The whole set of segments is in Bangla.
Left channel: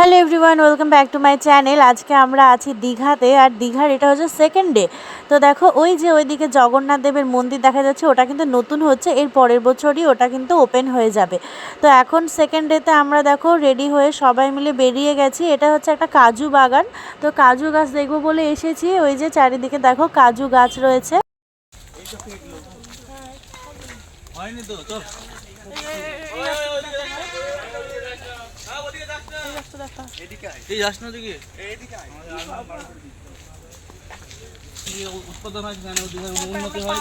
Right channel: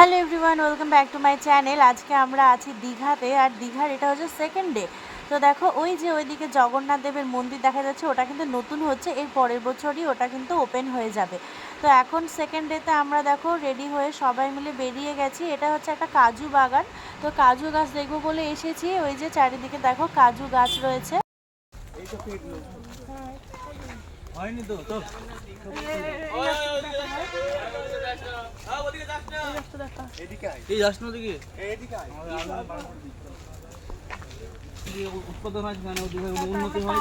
Hello everyone welcome back to my channel আজকে আমরা আছি দীঘাতে আর দীঘার এটা হচ্ছে সেকেন্ড ডে তো দেখো ওই যে ওইদিকে জগন্নাথ দেবের মন্দির দেখা যাচ্ছে ওটা কিন্তু নতুন হচ্ছে এর পরের বছরই ওটা কিন্তু ওপেন হয়ে যাবে তো এখন সেকেন্ড ডেতে আমরা দেখো রেডি হয়ে সবাই মিলে বেরিয়ে গেছি এটা হচ্ছে একটা কাজু বাগান তো কাজু গাছ দেখব বলে এসেছি ওই যে চারিদিকে দেখো কাজু গাছ রয়েছে হয়নি তো চল এই যাস দিকে উৎপাদন হয় সেখানে উন্নতি হয়?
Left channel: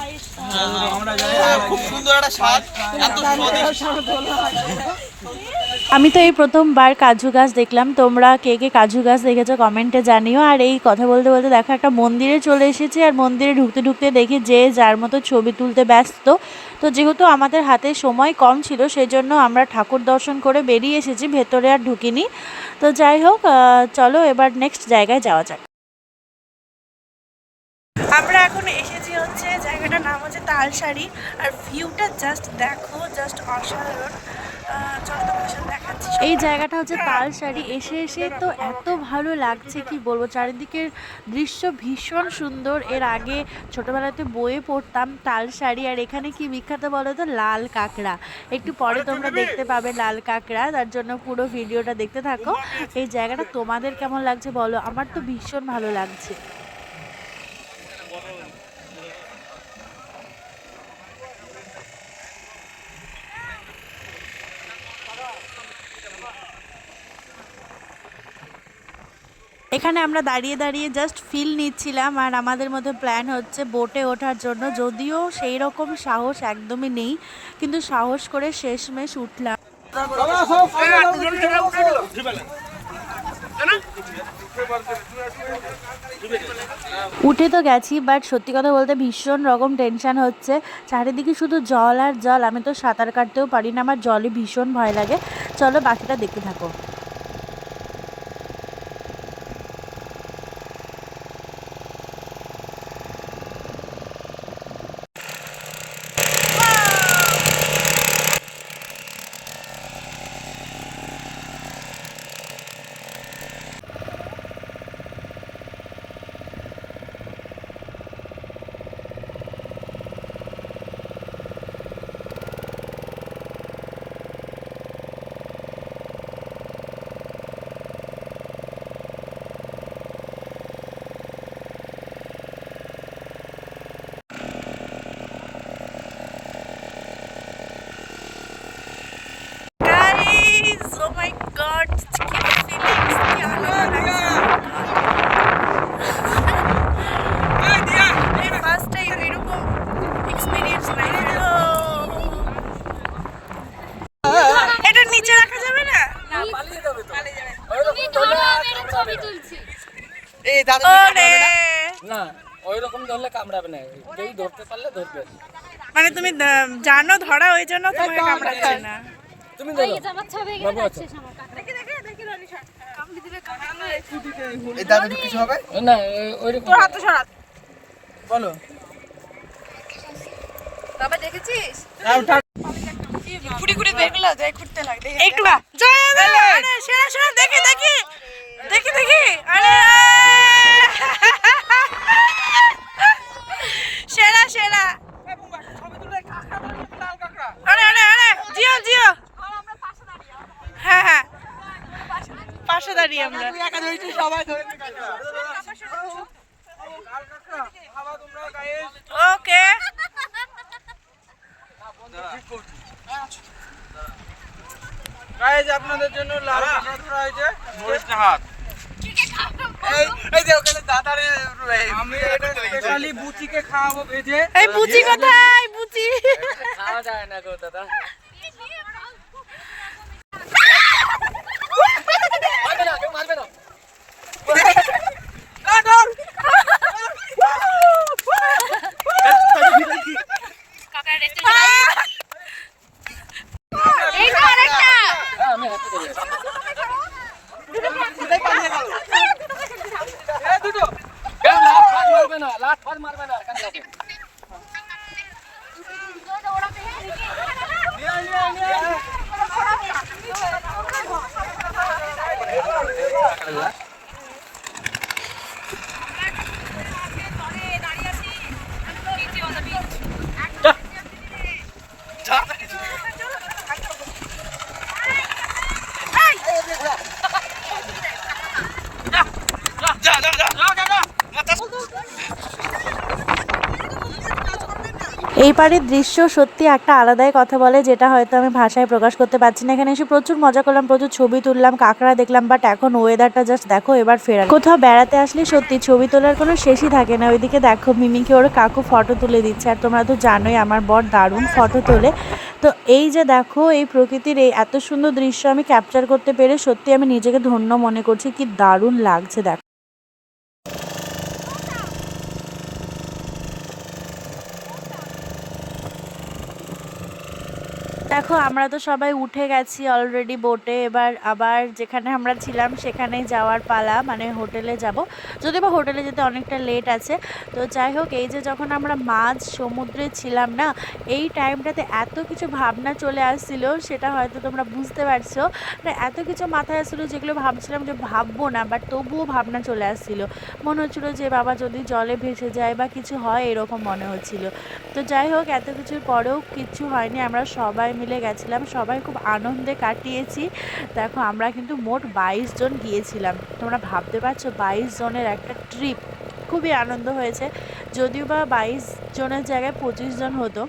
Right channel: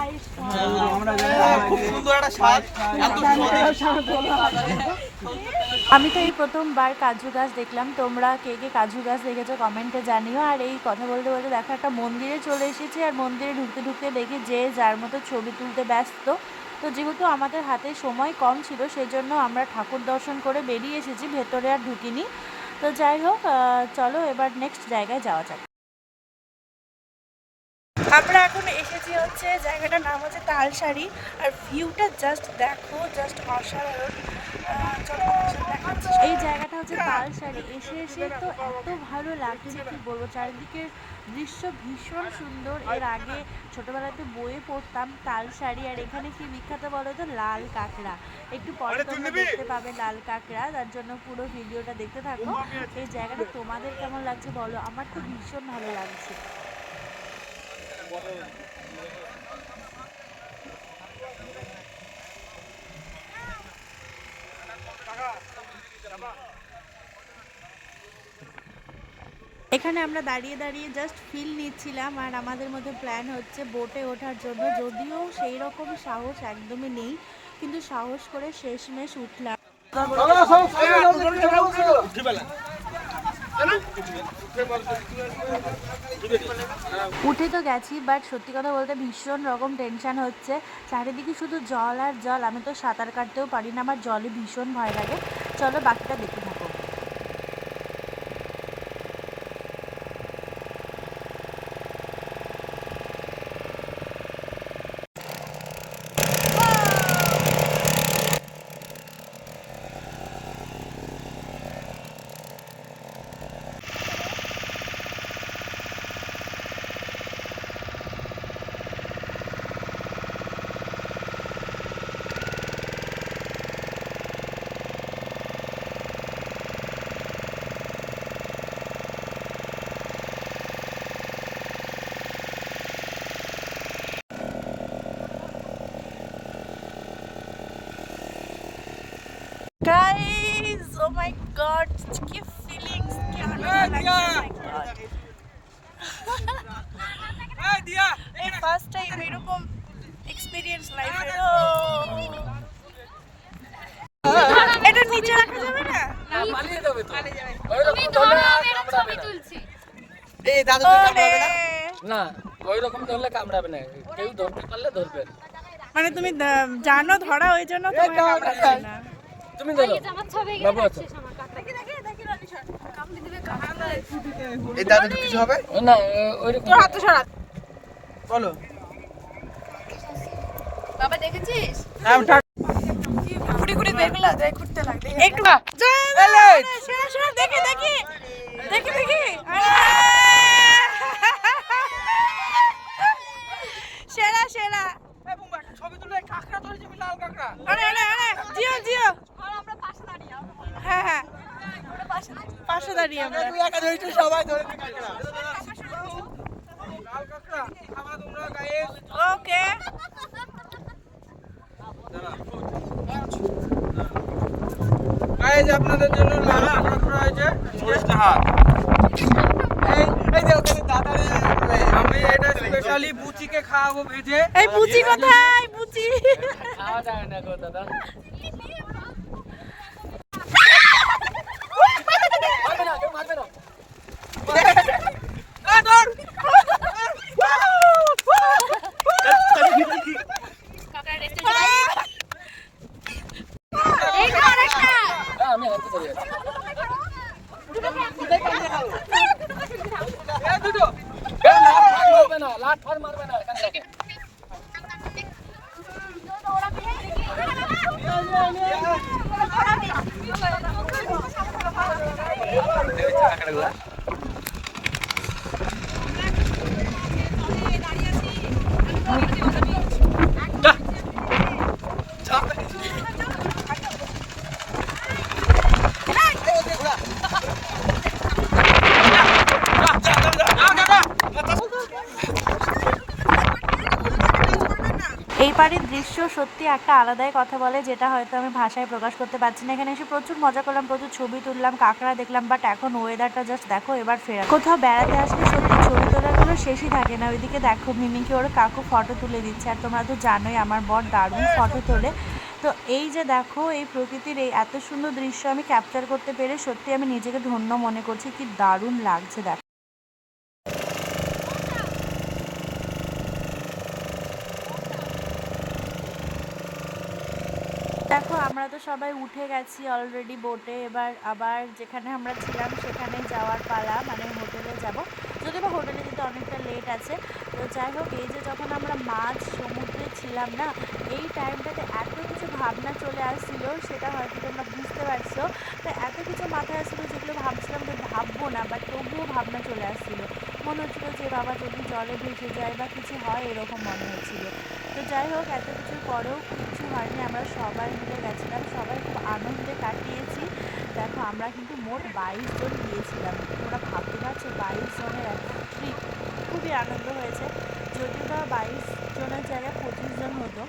খুব সুন্দর একটা স্বাদ। এত আমি তো এই প্রথমবার কাজু গাছ দেখলাম। তোমরা কে কে কাজু গাছ দেখেছ কমেন্টে জানিও। আর এই কথা বলতে বলতে দেখো একটা মন্দিরে চলে এসেছি আর মন্দিরে ঢুকতে ঢুকতে দেখি যে যার মতো ছবি তুলতে ব্যস্ত। তো যেহেতু আমাদের হাতে সময় কম ছিল সেজন্য আমরা ঠাকুর দর্শন করে বেরিয়ে এসেছি ভেতরে আর ঢুকিনি। তো যাই হোক চলো এবার নেক্সট জায়গায় যাওয়া যাক। আমরা এখন এসেছি হচ্ছে জায়গাটার নাম হচ্ছে তালশাড়ি। আর ভিউটা জাস্ট দেখো জাস্ট অসাধারণ। এই জায়গাটা হচ্ছে তালসারি এসে এসে তো এত ভালো লাগছে, কি বলব? চারিদিকের দৃশ্য ভীষণ সুন্দর। এর আগে ছোটবেলাতে বইয়ে পড়তাম তালসারি আর এখানে কি বিখ্যাত বলো তো লাল কাঁকড়া। একটু পরে তোমরা দেখতে পাবে লাল কাঁকড়া, তার জন্য পুরো ভিডিওটা দেখতে থাকো। এই জায়গাটা তোমাদের কেমন লাগছে বলো? আমার তো ভীষণ ভালো লাগছে। এখানে আমরা দাঁড়িয়ে দাঁড়িয়ে জাস্ট ফিল নিচ্ছিলাম আর আমাদের মধ্যে প্ল্যান হচ্ছে বোটে ওঠার জন্য। যদিও সেই রকম সাহস একদমই নেই, কিন্তু সাহস করে শেষমেশ উঠলাম। উঠে তো গেছি বাট সত্যি কথা বলতে ভীষণ রকম টেনশন হচ্ছে। চারিদিকে শুধু জল আর জল, আমি তো সাঁতার কাটতেও পারি না, আমার জলে ভীষণ ভয় লাগে। চলো বাকিটা দেখতে থাকো মাই গড কি ফিলিংস কি আনন্দ এই ফার্স্ট টাইম এরকম এক্সপিরিয়েন্স লাইফে এটা নিচে রাখা যাবে না? এই দাদা না? ওই রকম ধরলে কামড়াবে না। কেউ ধরতে পারলে ধরবে। মানে তুমি জানো ধরা ওই জন্য তোমাকে কামড়াচ্ছে না। তুমি ধরো। বাবু আছো এই দাদু কিছু হবে? না ওই রকম বলো। একটু জয় আরে, সেরা সেরা দেখি দেখি। দেখি দেখি। আরে সেরা সেরা। আরে আরে আরে জিও জিও। হ্যাঁ হ্যাঁ। পাশে দাঁড়িয়ে আমরা। সবাই ধরে ওকে। গাইজ আপনাদের জন্য লাল কাঁকড়া হয়েছে। এই এই যে ওখানে দাদারে আমি এটা স্পেশালি বুচিকে খাওয়াবো ভেজে। এই বুচি কোথায়? বুচি। খাওয়া যায় না গো দাদা। মারবে না মারবে না হ্যাঁ, আমি হাতে ধরে আছি। কেউ লাট ফাট মারবে না লাট ফাট মারবে না এখান থেকে ওরা এই পাড়ের দৃশ্য সত্যি একটা আলাদাই কথা বলে, যেটা হয়তো আমি ভাষায় প্রকাশ করতে পারছি না। এখানে এসে প্রচুর মজা করলাম, প্রচুর ছবি তুললাম, কাঁকড়া দেখলাম বাট এখন ওয়েদারটা জাস্ট দেখো, এবার ফেরা কোথাও বেড়াতে আসলে সত্যি ছবি তোলার কোনো শেষই থাকে না। ওইদিকে দেখো মিমিকে ওর কাকু ফটো তুলে দিচ্ছে, আর তোমরা তো জানোই আমার বর দারুণ ফটো তোলে। তো এই যে দেখো, এই প্রকৃতির এই এত সুন্দর দৃশ্য আমি ক্যাপচার করতে পেরে সত্যি আমি নিজেকে ধন্য মনে করছি, কি দারুণ লাগছে দেখো দেখো, আমরা তো সবাই উঠে গেছি অলরেডি বোটে এবার আবার যেখানে আমরা ছিলাম, সেখানে যাওয়ার পালা মানে হোটেলে যাব। যদিও বা হোটেলে যেতে অনেকটা লেট আছে। তো যাই হোক, এই যে যখন আমরা মাছ সমুদ্রে ছিলাম না, এই টাইমটাতে এত কিছু ভাবনা চলে আসছিল, সেটা হয়তো তোমরা বুঝতে পারছ। তো এত কিছু মাথায় আসছিল যেগুলো ভাবছিলাম যে ভাববো না বাট তবুও ভাবনা চলে আসছিল। মনে হচ্ছিল যে, বাবা, যদি জলে ভেসে যায় বা কিছু হয়, এরকম মনে হচ্ছিল। তো যাই হোক, এত কিছুর পরেও কিচ্ছু হয়নি। আমরা সবাই মিলে গেছিলাম, সবাই খুব আনন্দে কাটিয়েছি। দেখো, আমরা কিন্তু মোট বাইশ জন গিয়েছিলাম। তোমরা ভাবতে পারছ, বাইশ জনের একটা ট্রিপ খুবই আনন্দ হয়েছে। যদিও বা বাইশ জনের জায়গায় পঁচিশ জন হতো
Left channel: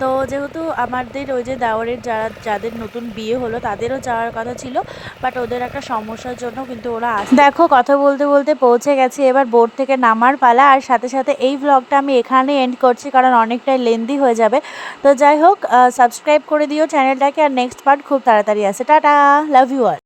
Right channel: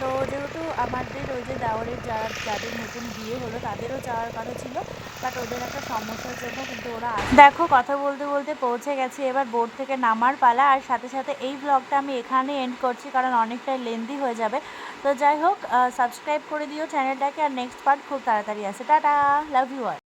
তো যেহেতু আমাদের ওই যে দাওয়ারের যারা যাদের নতুন বিয়ে হলো তাদেরও যাওয়ার কথা ছিল বাট ওদের একটা সমস্যার জন্য কিন্তু ওরা দেখো, কথা বলতে বলতে পৌঁছে গেছি, এবার বোর্ড থেকে নামার পালা, আর সাথে সাথে এই ভ্লগটা আমি এখানে এন্ড করছি, কারণ অনেকটাই লেন্দি হয়ে যাবে। তো যাই হোক সাবস্ক্রাইব করে দিও চ্যানেলটাকে আর নেক্সট পার্ট খুব তাড়াতাড়ি আসে। Tata love you all